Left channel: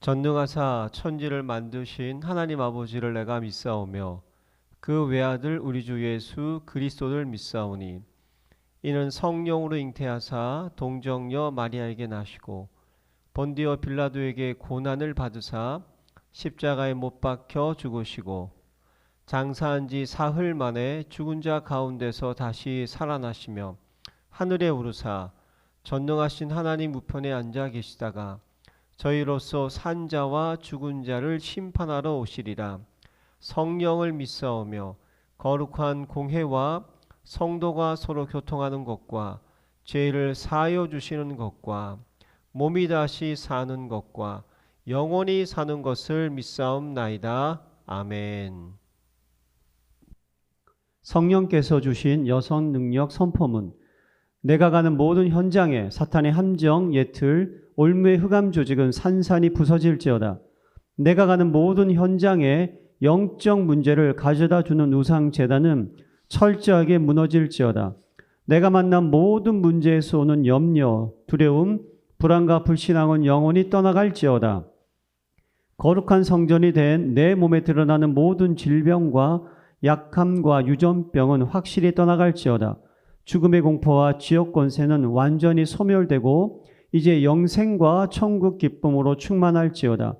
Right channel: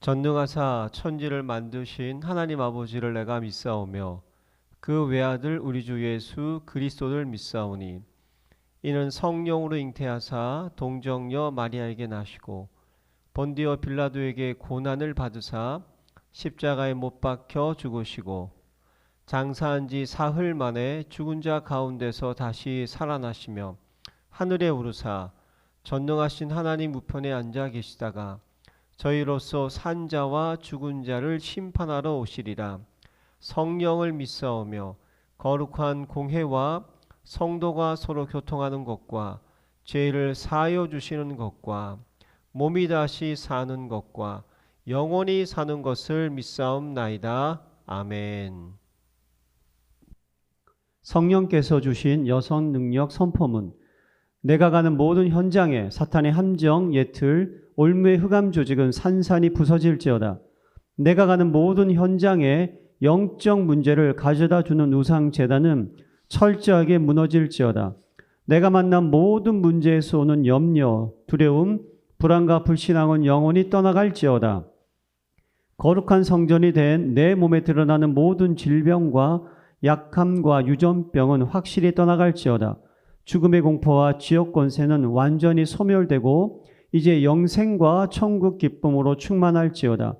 전능하사 천지를 만드신 하나님 아버지를 내가 믿사오며 그 외아들 우리 주 예수 그리스도를 믿사오니 이는 성령으로 잉태하사 동정녀 마리아에게 나시고 본디오 빌라도에게 고난을 받으사 십자가에 못 박혀 죽으시고 장사한 지 사흘 만에 죽은 자 가운데서 다시 살아나시며 하늘에 오르사 전능하신 하나님 우편에 앉아 계시다가 저희로서 산 자와 죽은 자를 심판하러 오시리라. 성령을 믿사오며 거룩한 공회와 성도가 서로 교통하는 것과 죄를 사하여 주시는 것과 몸이 다시 사는 것과 영원히 사는 것을 믿사옵나이다. 아멘. 성령께서 주신 여성 능력 선포문. 내가 가는 모든 현장에 사탄의 함정, 예틀, 올무의 흑암 조직은 산산이 부서질지어다. 내가 가는 모든 현장에 영적 문제를 가져다 주는 우상 제단은 철저하게 무너질지어다. 내가 만난 모든 문제에서 오는 염려, 두려움, 불안과 불신앙은 영원히 떠나갈지어다. 거룩한 성전이 된 내 몸에 드러나는 모든 질병과 약함과 유전병은 확실히 떠나갈지어다. 죽음의 공포와 지옥 권세는 완전히 소멸되고 이제 영생과 천국 기쁨으로 충만할지어다.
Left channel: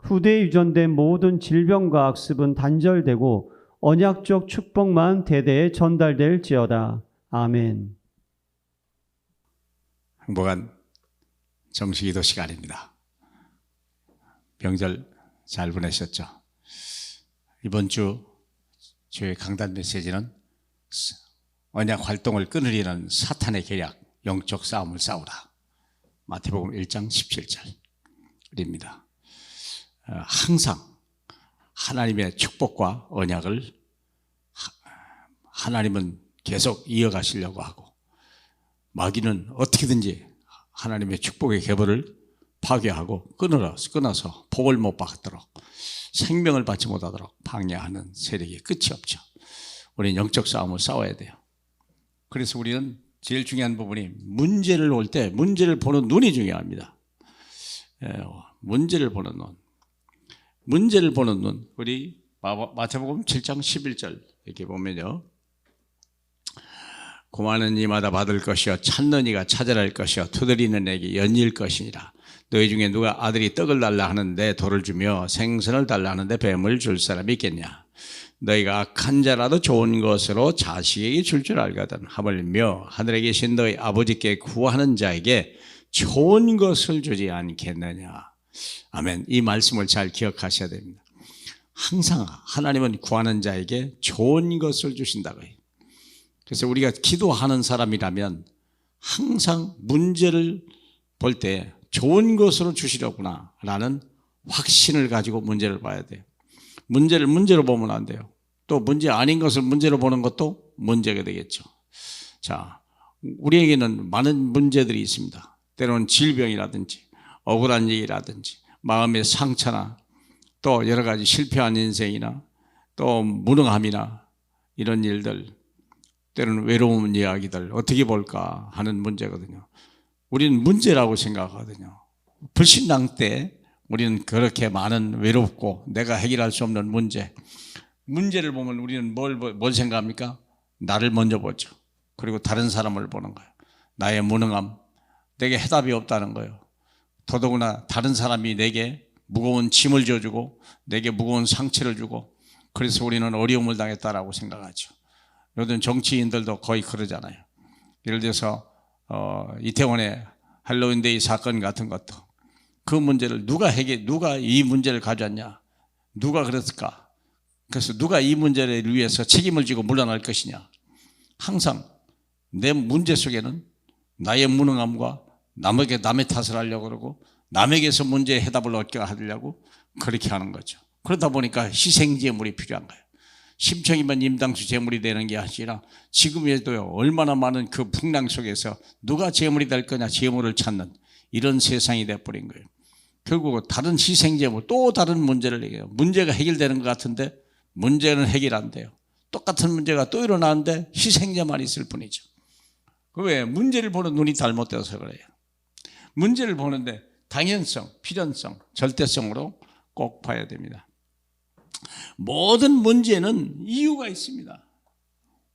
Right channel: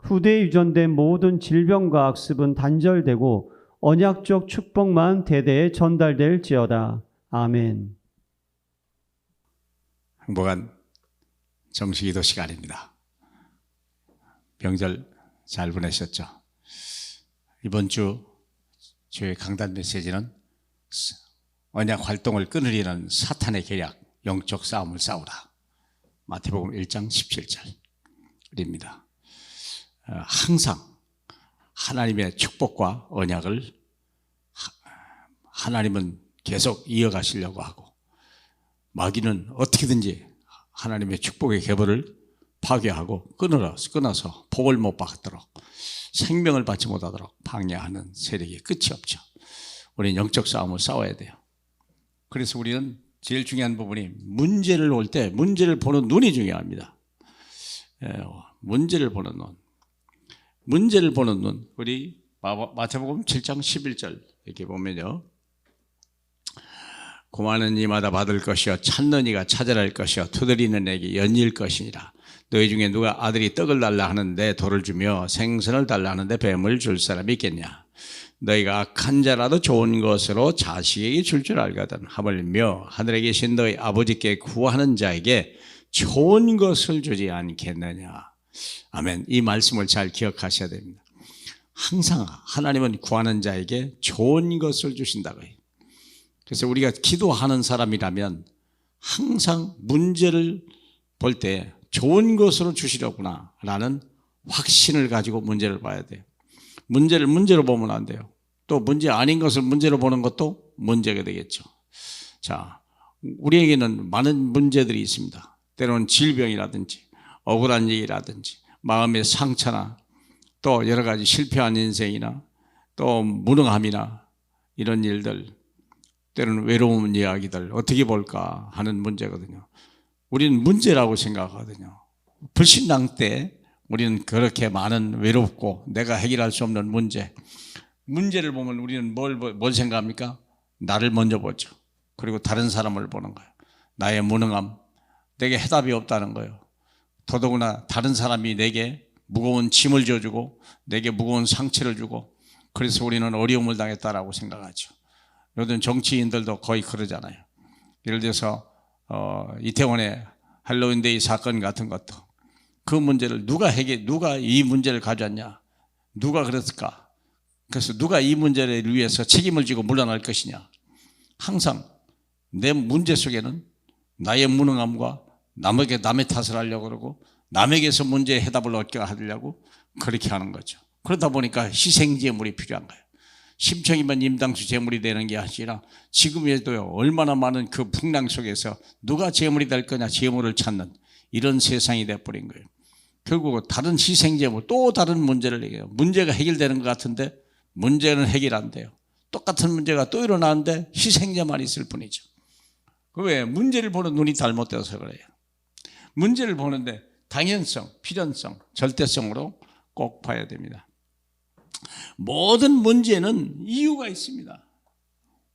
후대에 유전된 모든 질병과 악습은 단절되고 언약적 축복만 대대에 전달될지어다. 아멘. 행복한 정식기도 시간입니다. 명절 잘 보내셨죠? 이번 주 주의 강단 메시지는 언약 활동을 끊으려는 사탄의 계략, 영적 싸움을 싸우라. 마태복음 1장 17절입니다. 항상 하나님의 축복과 언약을 하나님은 계속 이어가시려고 하고 마귀는 어떻게든지 하나님의 축복의 계보를 파괴하고 끊어서 복을 못 받도록 생명을 받지 못하도록 방해하는 세력이 끝이 없죠. 우리는 영적 싸움을 싸워야 돼요. 그래서 우리는 제일 중요한 부분이 문제를 볼 때 문제를 보는 눈이 중요합니다. 문제를 보는 눈. 문제를 보는 눈. 우리 마태복음 7장 11절 이렇게 보면요. 구하는 이마다 받을 것이요 찾는 이가 찾으라 할 것이요 두드리는 이에게 열릴 것이니라. 너희 중에 누가 아들이 떡을 달라 하는데 돌을 주며 생선을 달라 하는데 뱀을 줄 사람이 있겠냐. 너희가 악한 자라도 좋은 것으로 자식에게 줄 줄 알거든. 하물며 하늘에 계신 너희 아버지께 구하는 자에게 좋은 것을 주지 않겠느냐. 아멘. 이 말씀을 잘 기억하셔야 됩니다. 항상 하나님은 구하는 자에게 좋은 것을 주신다고 해요. 그래서 우리가 기도하는 사람이라면 항상 문제를 볼 때 좋은 것으로 주시려구나 라는 확신을 가지고 문제를 봐야 돼요. 문제를 문제로 보면 안 돼요. 또 문제 아닌 것을 문제로 보는 것도 문제가 되겠죠. 자, 우리에게는 많은 문제들이 있습니다. 때로는 질병이라든지 억울한 일이라든지 마음의 상처나 또 여러 가지 실패한 인생이나 또 무능함이나 이런 일들, 때로는 외로운 이야기들 어떻게 볼까 하는 문제거든요. 우리는 문제라고 생각하거든요. 불신앙 때 우리는 그렇게 많은 외롭고 내가 해결할 수 없는 문제를 보면 우리는 뭘 생각합니까? 나를 먼저 보죠. 그리고 다른 사람을 보는 거예요. 나의 무능함, 내게 해답이 없다는 거예요. 더더구나 다른 사람이 내게 무거운 짐을 져주고 내게 무거운 상처를 주고 그래서 우리는 어려움을 당했다라고 생각하죠. 요즘 정치인들도 거의 그러잖아요. 예를 들어서 이태원의 할로윈데이 사건 같은 것도 그 문제를 누가 이 문제를 가져왔냐? 누가 그랬을까? 그래서 누가 이 문제를 위해서 책임을 지고 물러날 것이냐? 항상 내 문제 속에는 나의 무능함과 남의 탓을 하려고 그러고 남에게서 문제의 해답을 얻게 하려고 그렇게 하는 거죠. 그러다 보니까 희생제물이 필요한 거예요. 심청이면 임당수 제물이 되는 게 아니라 지금에도요 얼마나 많은 그 풍랑 속에서 누가 제물이 될 거냐 제물을 찾는 이런 세상이 돼버린 거예요. 결국 다른 희생제물 또 다른 문제를 얘기해요. 문제가 해결되는 것 같은데 문제는 해결 안 돼요. 똑같은 문제가 또 일어나는데 희생제만 있을 뿐이죠. 왜? 문제를 보는 눈이 잘못되어서 그래요. 문제를 보는데 당연성, 필연성, 절대성으로 꼭 봐야 됩니다. 모든 문제는 이유가 있습니다.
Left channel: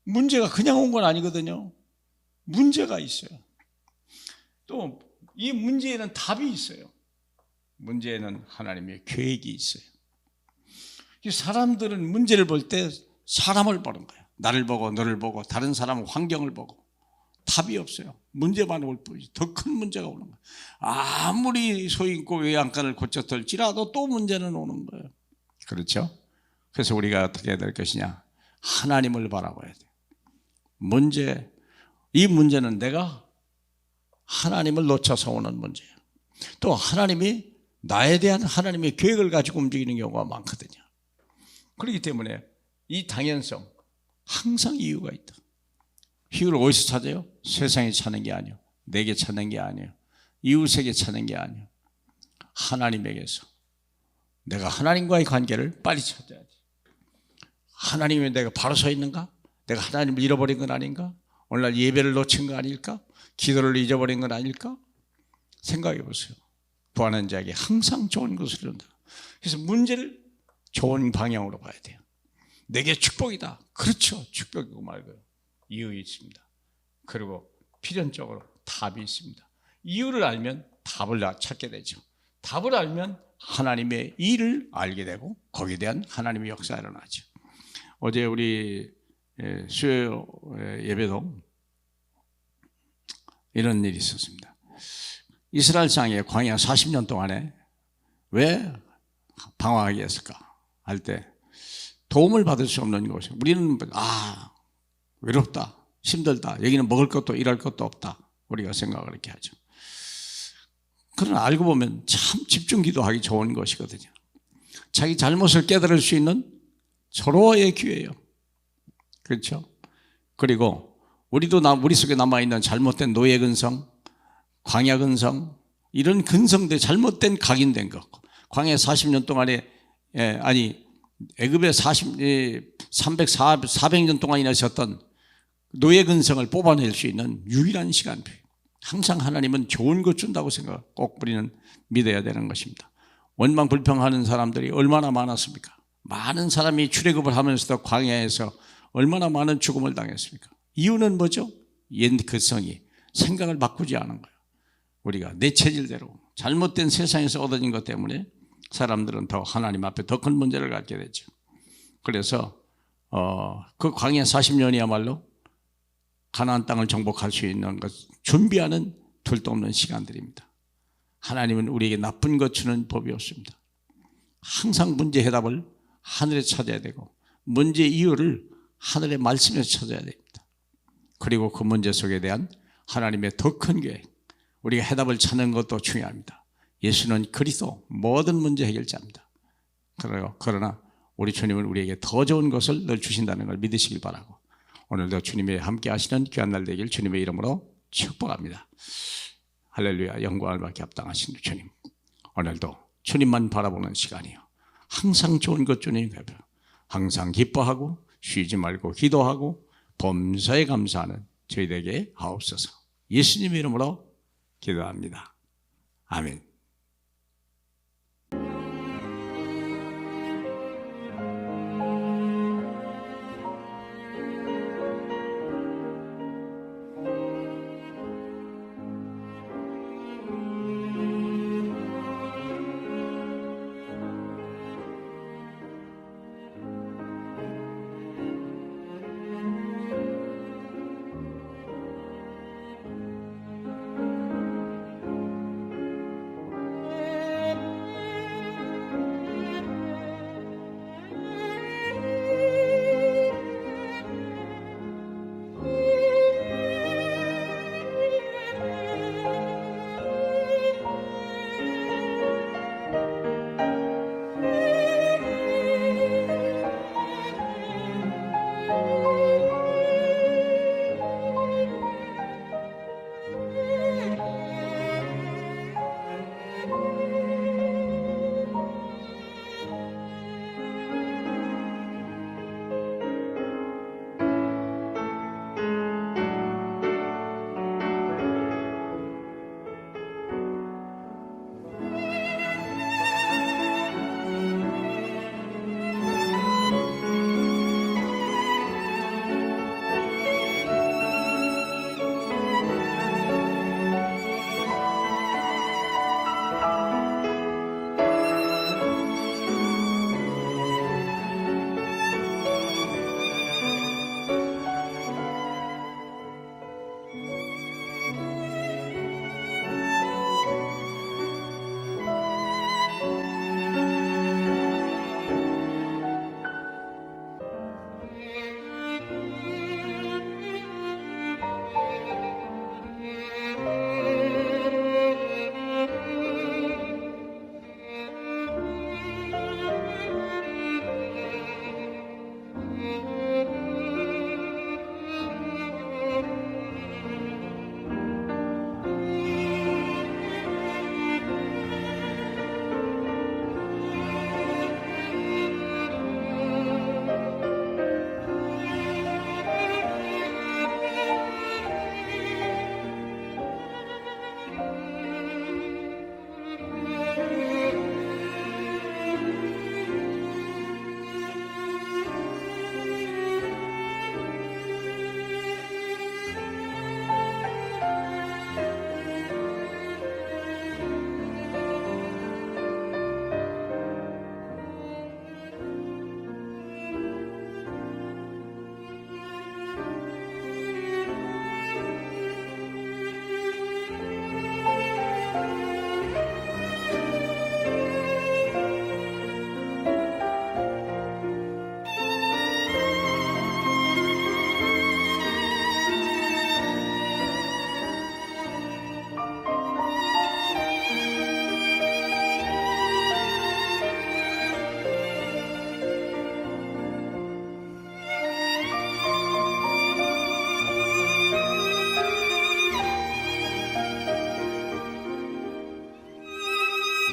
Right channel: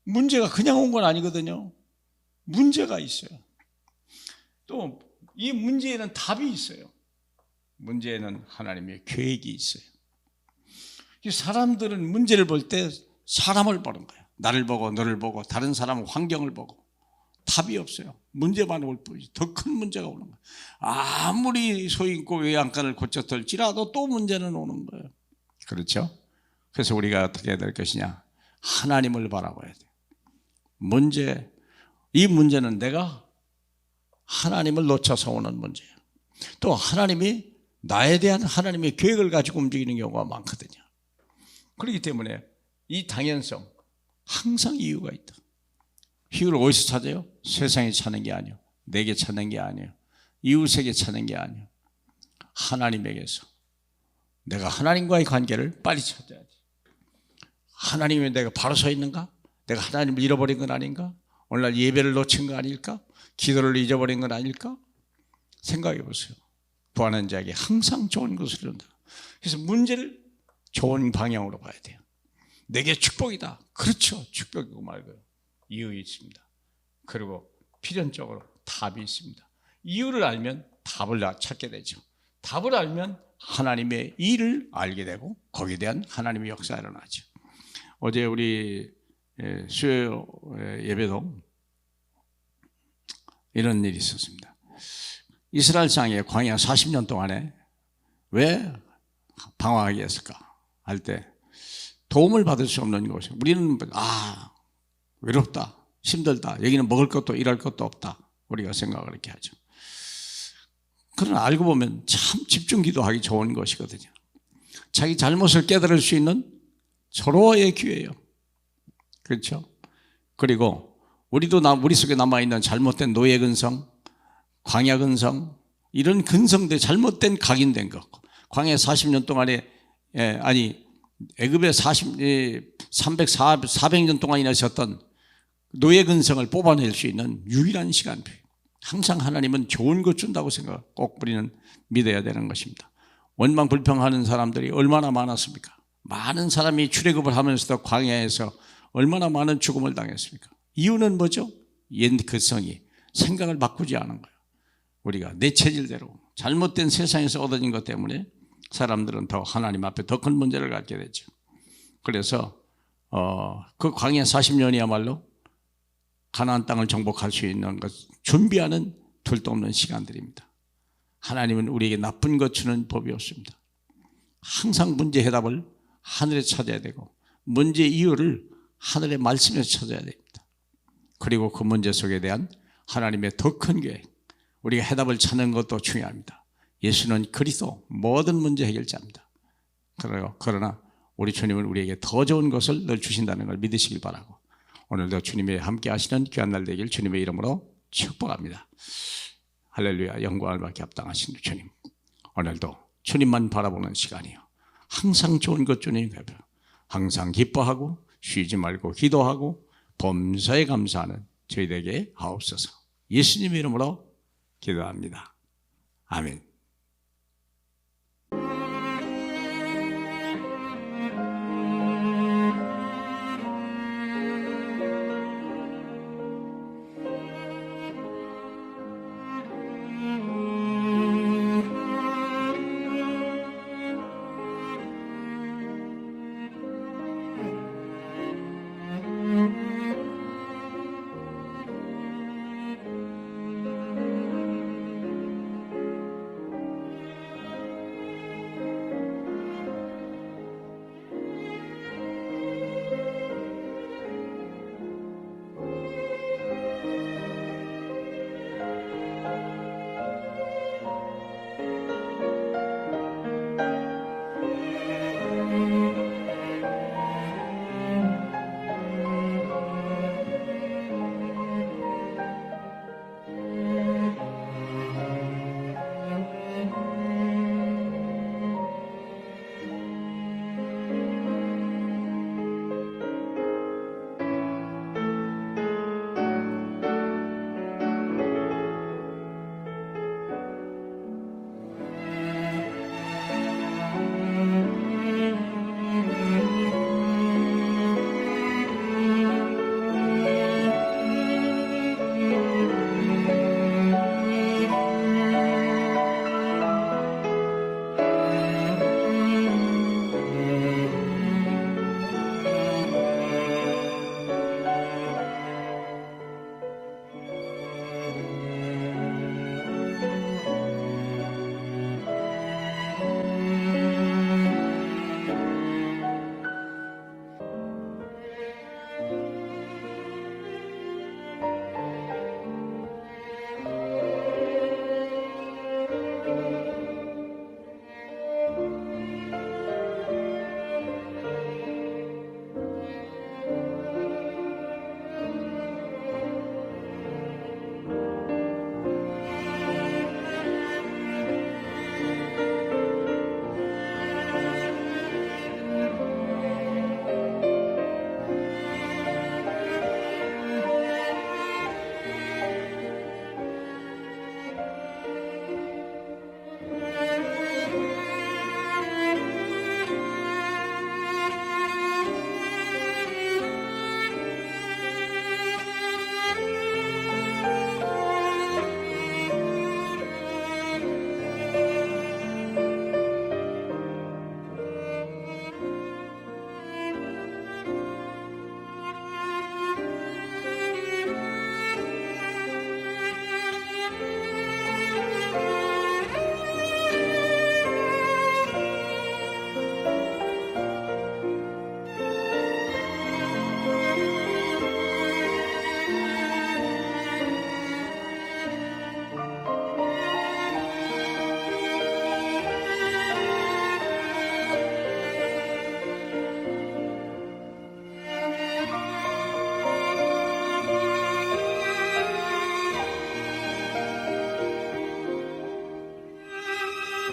문제가 그냥 온 건 아니거든요. 문제가 있어요. 또 이 문제에는 답이 있어요. 문제에는 하나님의 계획이 있어요. 사람들은 문제를 볼 때 사람을 보는 거예요. 나를 보고 너를 보고 다른 사람 환경을 보고 답이 없어요. 문제만 올 뿐이지 더 큰 문제가 오는 거예요. 아무리 소인고 외양간을 고쳤을지라도 또 문제는 오는 거예요. 그렇죠? 그래서 우리가 어떻게 해야 될 것이냐? 하나님을 바라봐야 돼요. 이 문제는 내가 하나님을 놓쳐서 오는 문제예요. 또 하나님이 나에 대한 하나님의 계획을 가지고 움직이는 경우가 많거든요. 그렇기 때문에 이 당연성, 항상 이유가 있다. 이유를 어디서 찾아요? 세상에 찾는 게 아니에요. 내게 찾는 게 아니에요. 이웃에게 찾는 게 아니에요. 하나님에게서. 내가 하나님과의 관계를 빨리 찾아야지. 하나님이 내가 바로 서 있는가? 내가 하나님을 잃어버린 건 아닌가? 오늘날 예배를 놓친 거 아닐까? 기도를 잊어버린 건 아닐까? 생각해 보세요. 구하는 자에게 항상 좋은 것을 이룬다. 그래서 문제를 좋은 방향으로 봐야 돼요. 내게 축복이다. 그렇죠. 축복이고 말고요. 이유 있습니다. 그리고 필연적으로 답이 있습니다. 이유를 알면 답을 찾게 되죠. 답을 알면 하나님의 일을 알게 되고 거기에 대한 하나님의 역사가 일어나죠. 어제 우리 수요 예배도 이런 일이 있었습니다. 이스라엘 땅에 광야 40년 동안에 왜 방황하게 했을까 할 때 도움을 받을 수 없는 곳이 우리는 외롭다, 힘들다, 여기는 먹을 것도 일할 것도 없다 우리가 생각을 이렇게 하죠. 그러나 알고 보면 참 집중 기도하기 좋은 것이거든요. 자기 잘못을 깨달을 수 있는 서로의 기회예요. 그렇죠? 그리고 우리도 우리 속에 남아있는 잘못된 노예 근성, 광야 근성, 이런 근성들 잘못된 각인된 것. 광야 40년 동안에 애굽에 400년 동안이나 있었던 노예 근성을 뽑아낼 수 있는 유일한 시간표. 항상 하나님은 좋은 것 준다고 생각 꼭 우리는 믿어야 되는 것입니다. 원망 불평하는 사람들이 얼마나 많았습니까? 많은 사람이 출애굽을 하면서도 광야에서 얼마나 많은 죽음을 당했습니까? 이유는 뭐죠? 옛 근성이 생각을 바꾸지 않은 거예요. 우리가 내 체질대로 잘못된 세상에서 얻어진 것 때문에 사람들은 더 하나님 앞에 더 큰 문제를 갖게 되죠. 그래서 그 광야 40년이야말로 가나안 땅을 정복할 수 있는 것 준비하는 둘도 없는 시간들입니다. 하나님은 우리에게 나쁜 것 주는 법이 없습니다. 항상 문제 해답을 하늘에서 찾아야 되고 문제 이유를 하늘의 말씀에서 찾아야 됩니다. 그리고 그 문제 속에 대한 하나님의 더 큰 계획, 우리가 해답을 찾는 것도 중요합니다. 예수는 그리스도 모든 문제 해결자입니다. 그러나 우리 주님은 우리에게 더 좋은 것을 늘 주신다는 걸 믿으시길 바라고 오늘도 주님이 함께 하시는 귀한 날 되길 주님의 이름으로 축복합니다. 할렐루야. 영광을 받게 합당하신 주님, 오늘도 주님만 바라보는 시간이요, 항상 좋은 것 주님 뵈며 항상 기뻐하고 쉬지 말고 기도하고 범사에 감사하는 저희에게 하옵소서. 예수님의 이름으로 기도합니다. 아멘.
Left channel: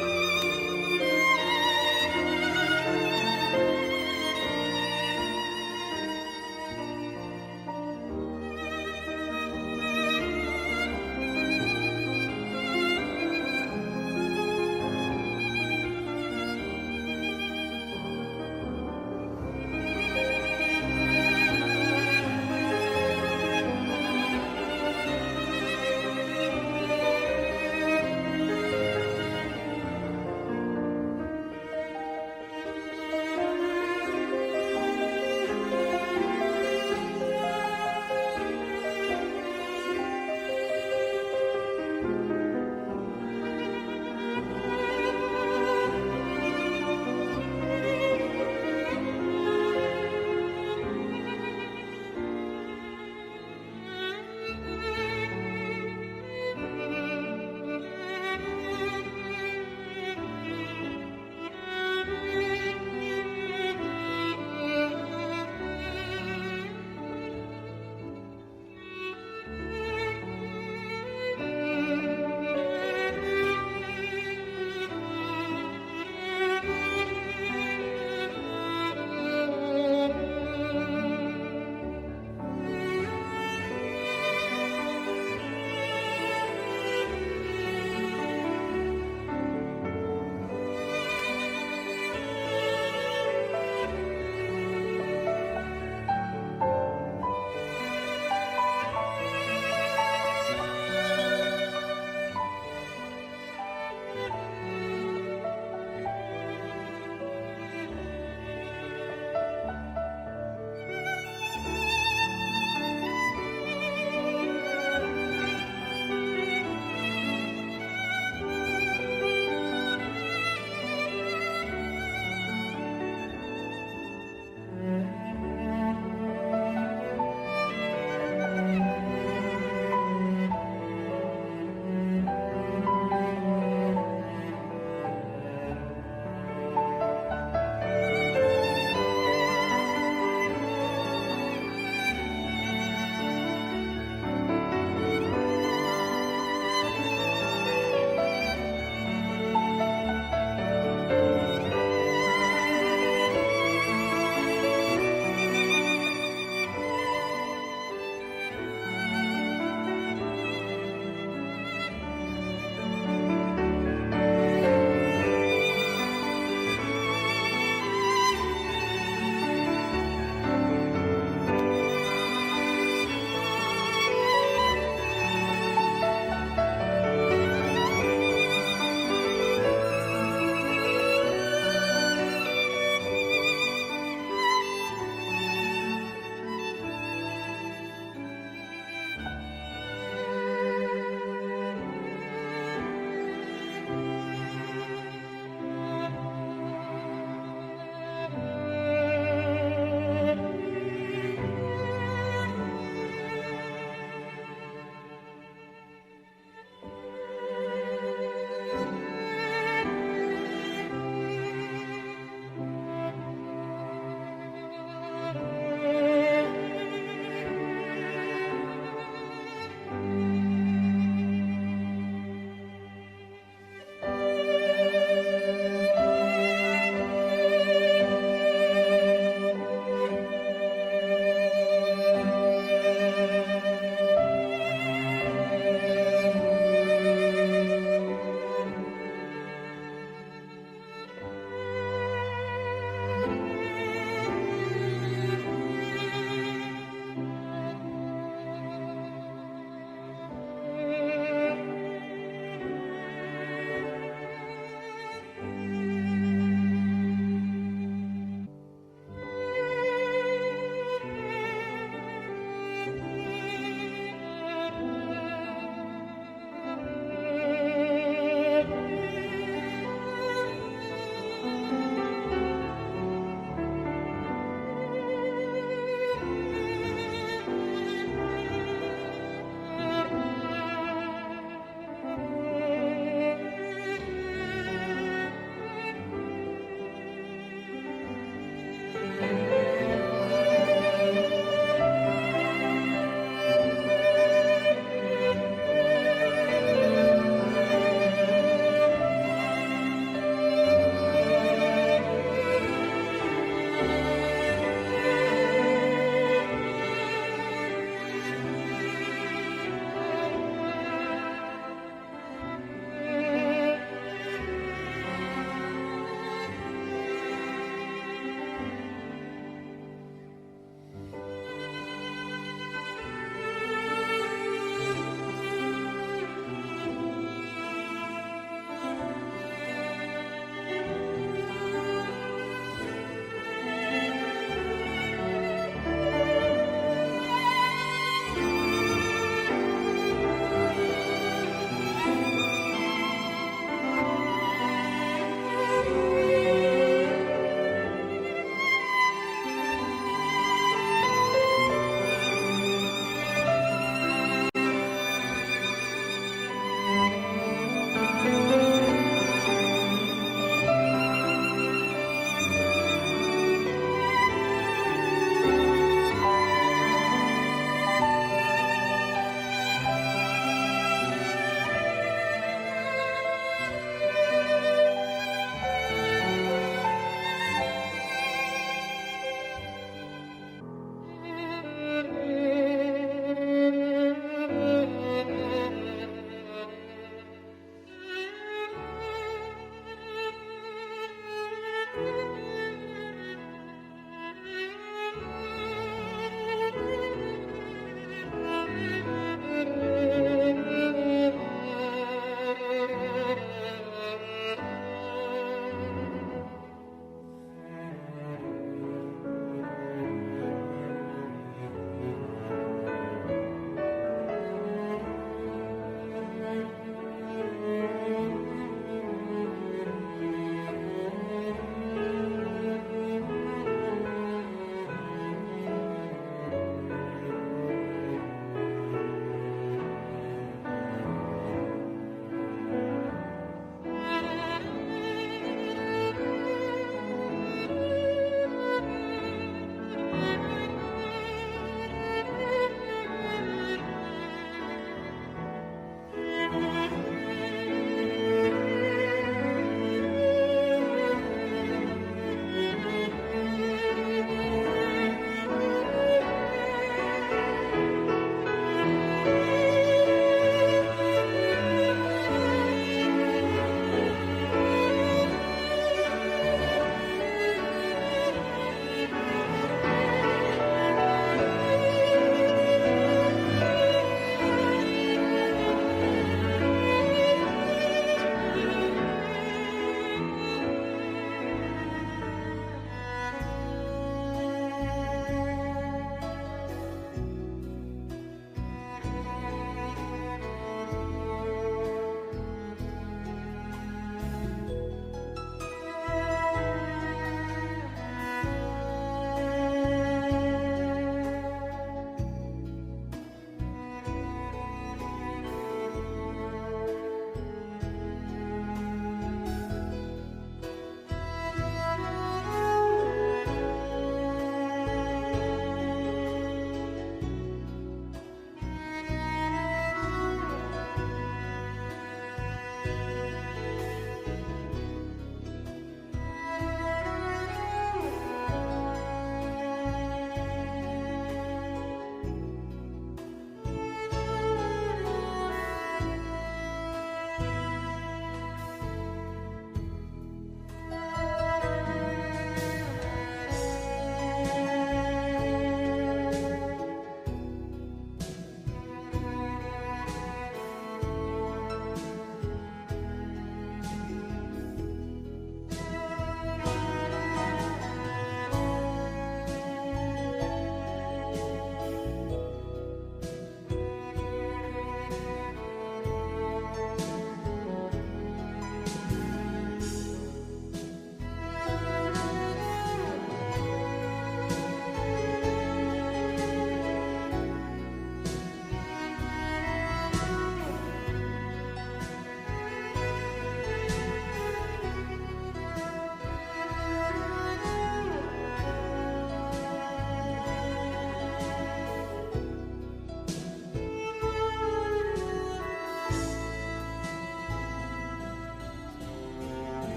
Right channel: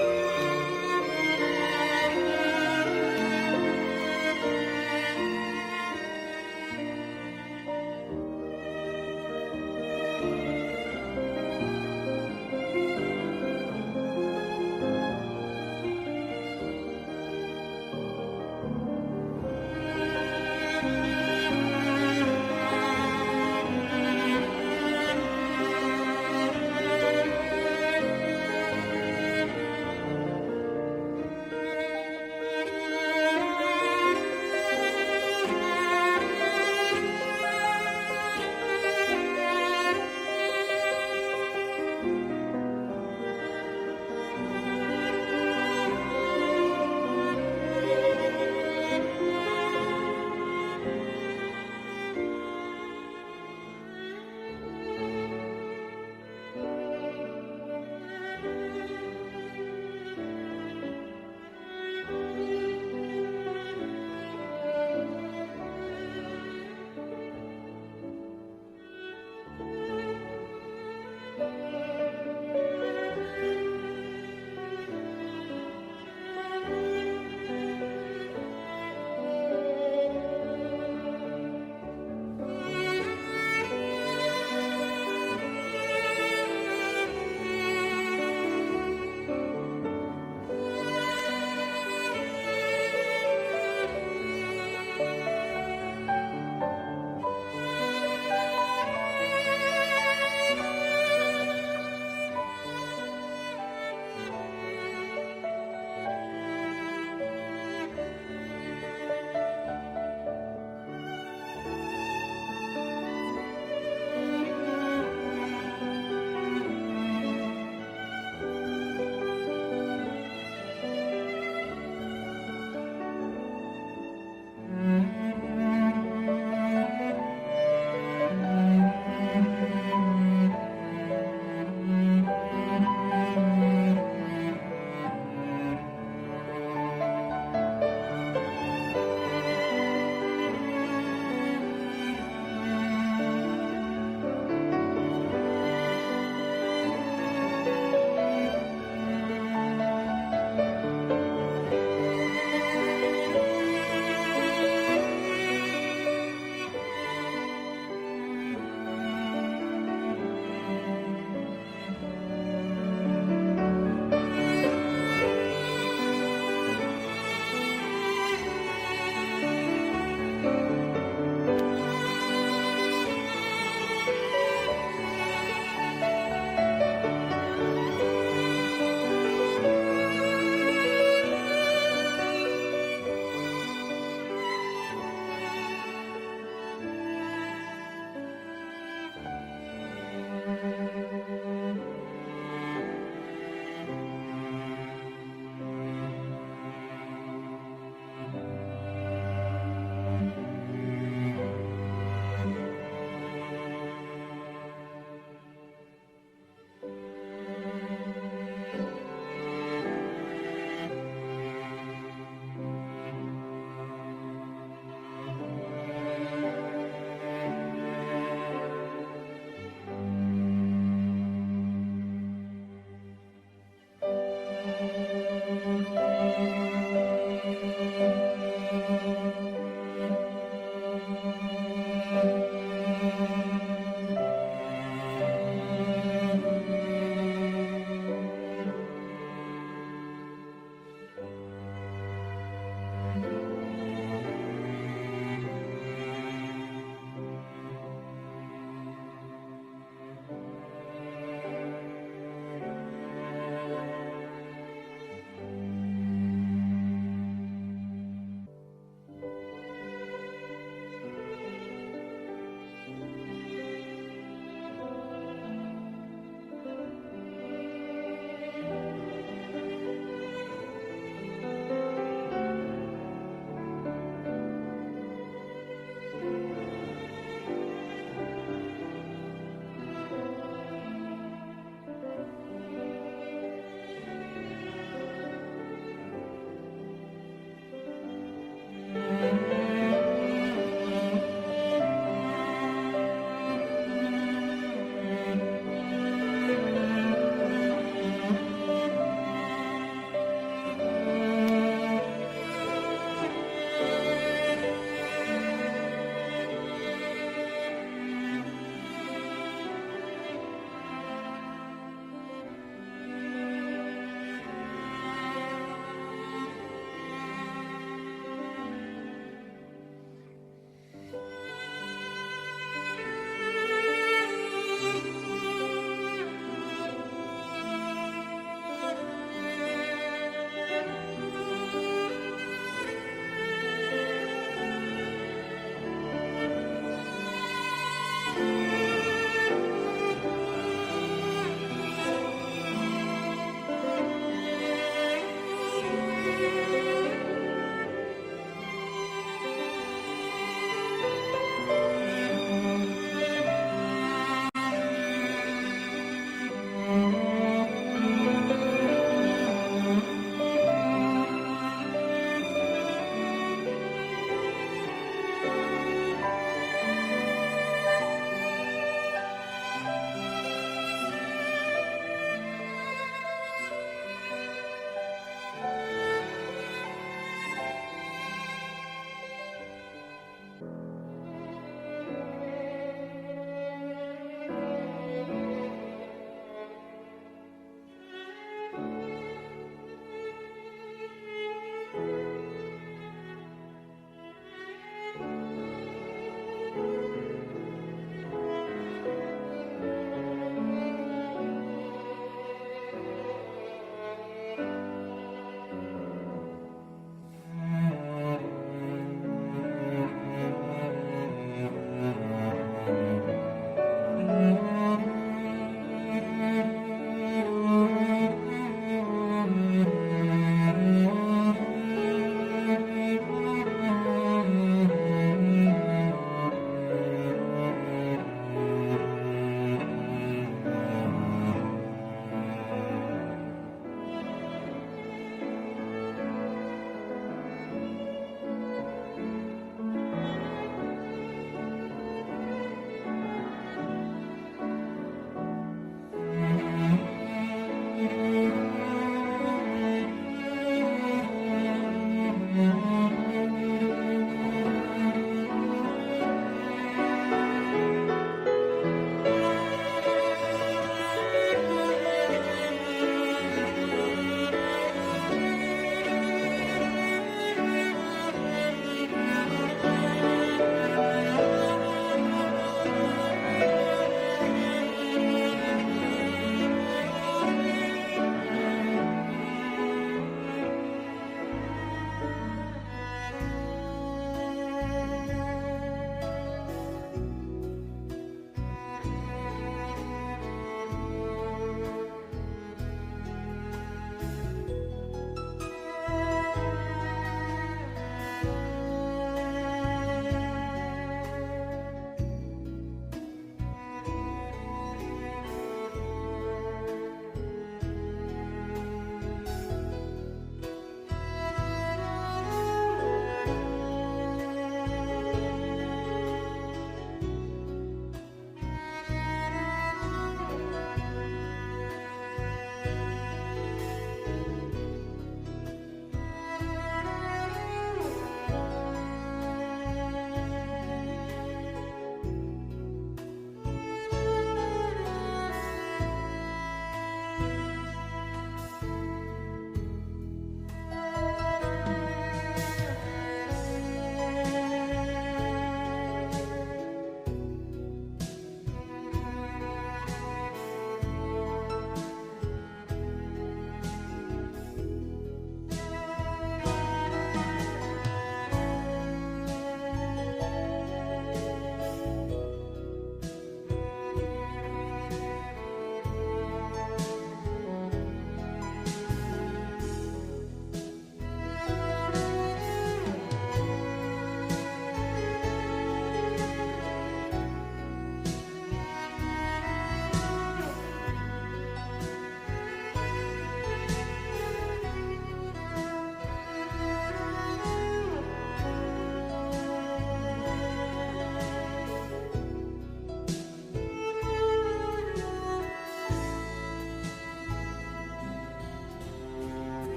아멘.